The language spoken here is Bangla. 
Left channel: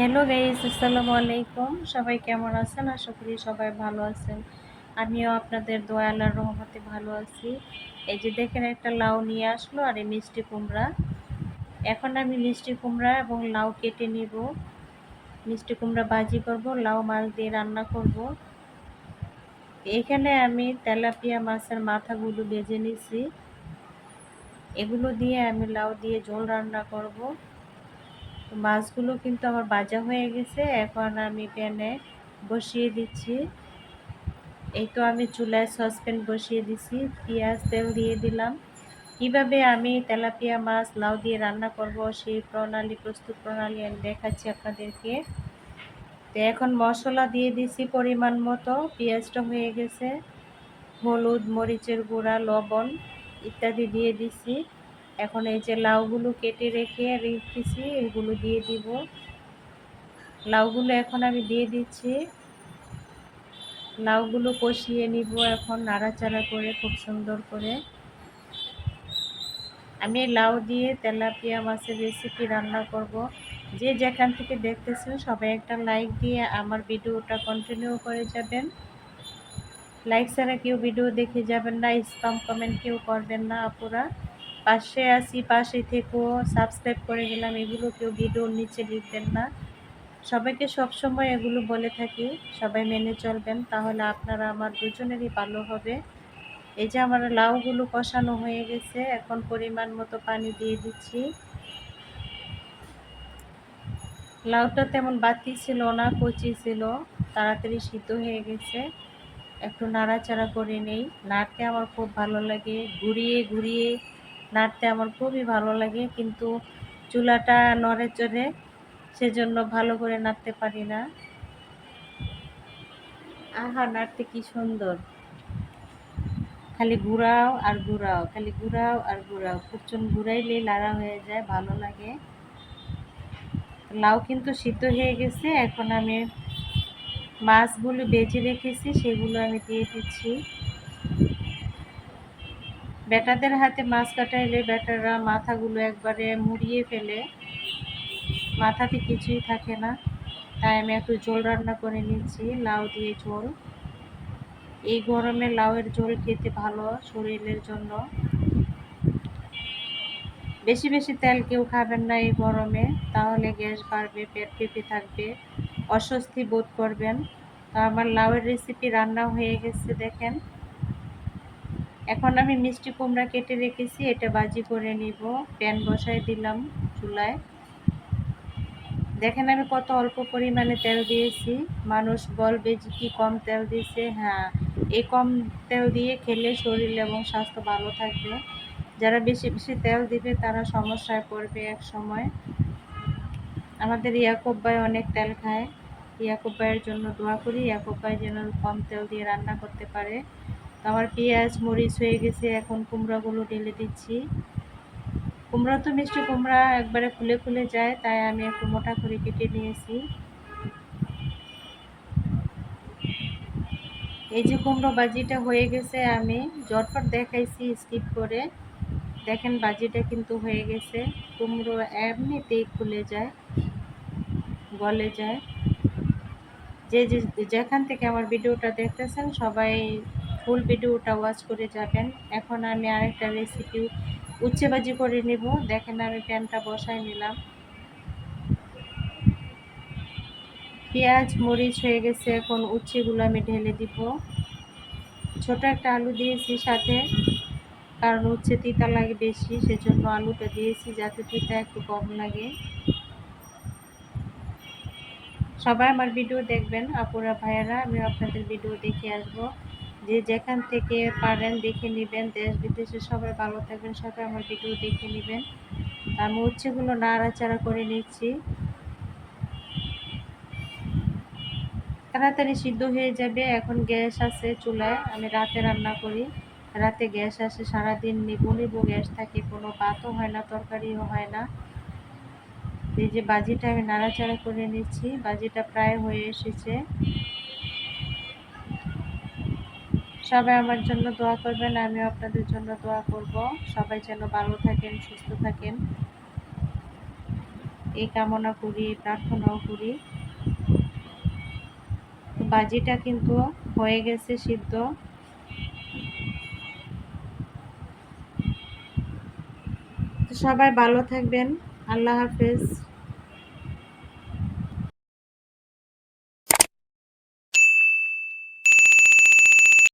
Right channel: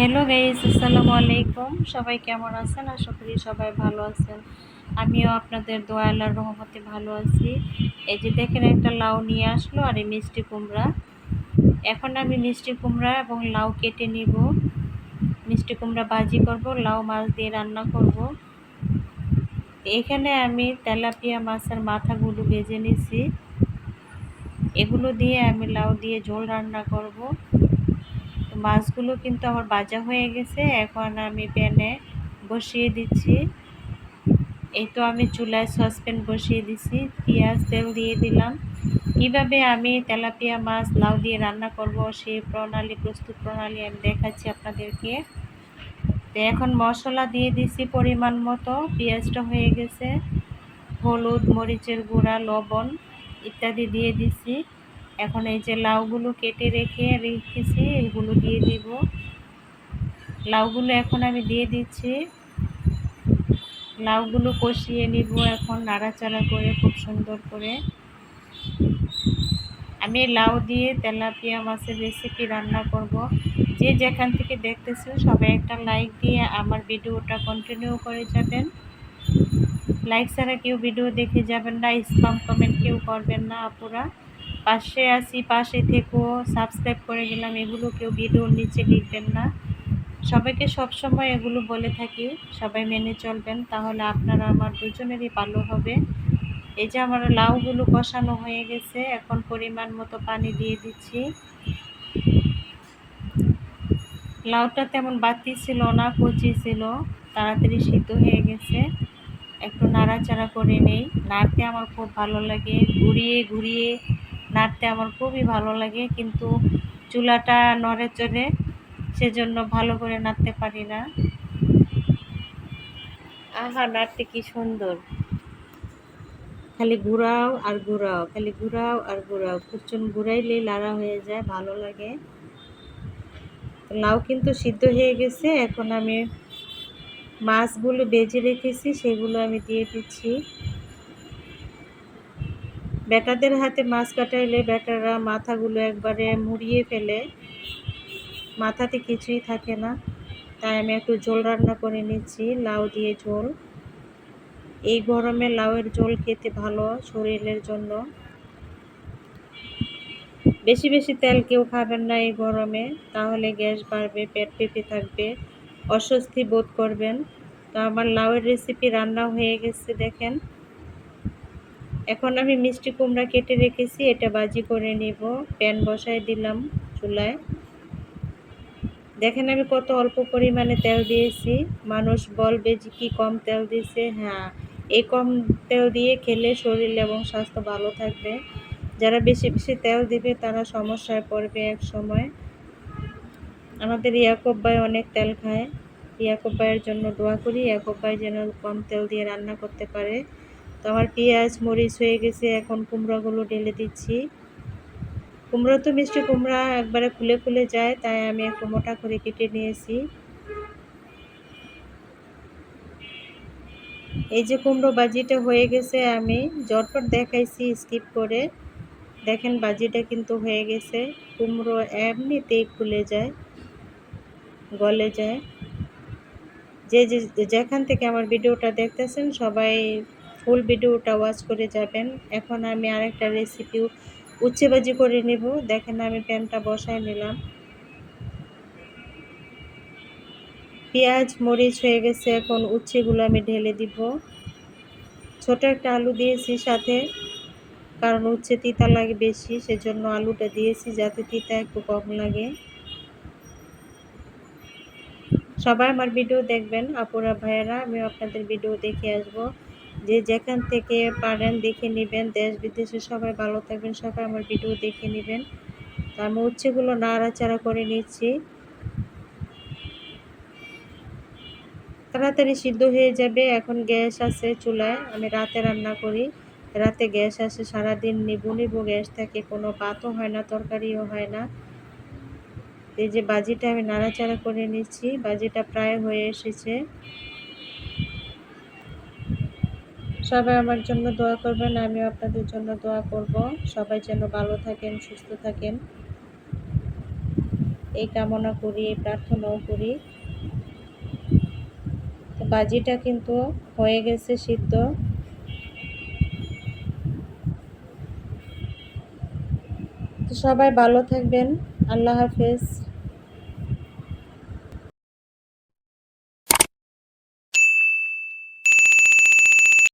হ্যালো গাইস আসসালামু আলাইকুম সবাই কেমন আছেন? আশা করি সবাই ভালো আছেন। আমিও আপনাদের দোয়া আল্লাহর রহমতে ভালো আছি। এই যে দেখেন, একটা লাউ নিয়ে আসলো আর এই মিষ্টি কুমড়া। এখন আমি মিষ্টি কুমড়া এবং লাউ কেটে নিব। মিষ্টি কুমড়া ভাজি করব, লাউ মাছ দিয়ে রান্না করব। এখানে আমি তেলাপিয়া মাছের মাথাগুলো ভেজে নিছি। এগুলো দিয়ে আমি লাউ দিয়ে ঝোল রান্না করব। তো মাছগুলো কিন্তু আমার বাজা হয়ে গেছে, এখন আমি প্যানে বসিয়ে দিচ্ছি। এই তো আমি চুলায় সসপ্যান বসিয়ে দিছি, পেঁয়াজ, তেল দিয়ে দিলাম। কীভাবে আমি তেলাপিয়া মাছ, লাউ দিয়ে রান্না করব, সেই প্রণালী, প্রস্তুত প্রণালী আমি দেখাচ্ছি আপনাদেরকে। তো এখন মশলা দিয়ে দিছি পরিমাণ মতো, পেঁয়াজটা হয়ে গেছে, হলুদ, মরিচের গুঁড়া, লবণ ইত্যাদি দিয়ে দিছি। এখন এই যে লাউগুলো কেটে রেখে রেখেছি, এগুলো দিয়ে দিব। লাউগুলো এখন আমি দিয়ে দিচ্ছি। লাউগুলো কষিয়ে নিব এখন নাড়াচাড়া করে, খুব সুন্দর করে। আমি লাউ দিয়ে তেলাপিয়া মাছের রেসিপি রান্না করব। যে যেখান থেকে দেখতেছেন, সবাই একটা লাইক দিয়ে আমার ভিডিওটা কন্টিনিউ করে যাবেন। লাইক ছাড়া কেউ ভিডিও দেখে যাবেন না স্পাম কমেন্ট কেউ করবেন না, আপুরা। পাশে আসি পাশে থেকেও সাবস্ক্রাইব করে গেলাম এগুলো কেউ ভিডিওর নিচে লিখবেন না। সবাইকে সবসময় এগুলো বলে থাকি, সবাই মেনে চলবেন, তাহলে আপনারা আমার দুজনেরই ভালো হবে। এই যে আমার লাউগুলো কষানো হয়ে গেছে, এখন পরিমাণ মতো পানি দিয়ে দিচ্ছি। লাউটা তেমন বাতি ছিল না, কচি ছিল, তাড়াতাড়ি সিদ্ধ হয়ে গেছে। একটু নাড়াচাড়া করে নেই, নাড়তে আমার খুব ভালো লাগে, ঘুরিয়ে ঘুরিয়ে নাড়তে আমার খুবই ভালো লাগে, কিন্তু চুলাটা নড়ে চড়ে সেজন্য ভালো করে নাড়তে পারি না। আহা, নাড়তে কি সুন্দর। খালি ঘুরাও আর ঘুরাও খালি ঘুরাও আর ঘুরাও কুচুন ঘুরাইলেই লাড়া হয়ে যায়, ভালো লাগে। লাউ কিন্তু সিদ্ধ হয়ে গেছে, এখন আমি মাছগুলো বেজে রেখেছি, সেগুলো আমি দিয়ে দিচ্ছি। ব্যাটাদের হাতে মাছ কাটাইলে ব্যাটাররা মাথাগুলো একবারে মুড়িয়ে ফেলে। মাথাতে কিছুই থাকে না। তাই আমি একটু ঝোল রান্না করে নিচ্ছি, লাউ দিয়ে ঝোল। এই গরমে লাউয়ের ঝোল খেতে ভালো শরীরের জন্য। বেশি বেশি তেল কেউ খাবেন না এই গরমে, তাহলে গ্যাস বাড়বে, পেট পেঁপে থাকবে, অস্বস্তি বোধ করবেন। তো আমার লাউয়ের রেসিপি রান্না হয়ে গেছে, দেখেন। এখন আমি মিষ্টি কুমড়া কেটে রেখেছি, এটা বাজি করে নিব। প্যান বসায় দিলাম চুলায়। দেখেন আমি কত অল্প পরিমাণে তেল দিয়েছি। মানুষ বলবে যে কি কম তেল দিয়েছে। হ্যাঁ এই কম তেল দিয়ে খেলে শরীর এবং স্বাস্থ্য ভালো থাকবে। যারা বেশি বেশি তেল দিবে, তারা সমস্যায় পড়বে এক সময়। আমাদের ইয়াকুব ভাই অনেক তেল খায়। ইয়াকুব ভাইয়ের জন্য দোয়া করি। ইয়াকুব ভাই যেন কম তেল দিয়ে রান্না করতে পারে। তো আমার পেঁয়াজ, মরিচ হয়ে গেছে, এখন কুমড়াগুলো ঢেলে দিচ্ছি। কুমড়া তো মিষ্টি কুমড়া একবারে খুলে খুলে যায়, তাই আমি একটু মোটা করে কেটে নিয়েছি। এই যে কুমড়ো বাজিটা হয়ে গেছে, আমি জটপট দেখাইছি, স্কিপ করে। দেখেন বাজিটা কিন্তু হয়ে গেছে, কুমড়ো এমনিতেই খুলে যায়, গলে যায়। যে যে যেখান থেকে আমার ভিডিওটা দেখতেছেন, সবাই ফুল ভিডিওটা ওয়াচ করে যাবেন। এখন আমি আরেকটা রেসিপি উচ্ছে ভাজি করে নেব। দেখেন আমি প্যানটা বসায় নিলাম। পেঁয়াজ, মরিচ হয়ে গেছে। এখন উচ্ছেগুলো আমি ঢেলে দিব। ছোট একটা আলু দিয়েছি সাথে, কারণ উচ্ছে তিতা লাগে বেশি, সেজন্য আলুটা দিয়েছি যাতে তিতা একটু কম লাগে। সবাই আমার ভিডিও দেখবেন। আপুরা, ভাইয়েরা আমি আপনাদের ভিডিও দেখে আসব। যে যেখান থেকে পারেন দেখে নেবেন। দেশ বিদেশে সবাই ভালো থাকবেন, সবাই আমার ভিডিও দেখে নেবেন। আমি উচ্ছেগুলো নাড়াচাড়া করে নিচ্ছি। তাড়াতাড়ি সিদ্ধ হয়ে যাবে, এখন গ্যাস আছে চুলায়, আমি রাতে রান্না করি। রাতে গ্যাস আসে, সারাদিন নেবু নেবু গ্যাস থাকে, কোনো ভাতও হয় না, তরকারিও হয় না। এই যে বাজিটা আমি নাড়াচাড়া করে নিচ্ছি, বাজিটা প্রায় হয়ে এসেছে। সবাই আমার জন্য দোয়া করবেন, আমিও আপনাদের জন্য দোয়া করব। সবাই যেন ভালো থাকেন, সুস্থ থাকেন। এই কামনা করি, এই প্রার্থনাও করি। তো বাজিটা কিন্তু হয়ে গেছে সিদ্ধ। তো সবাই ভালো থাকবেন। আল্লাহ হাফেজ।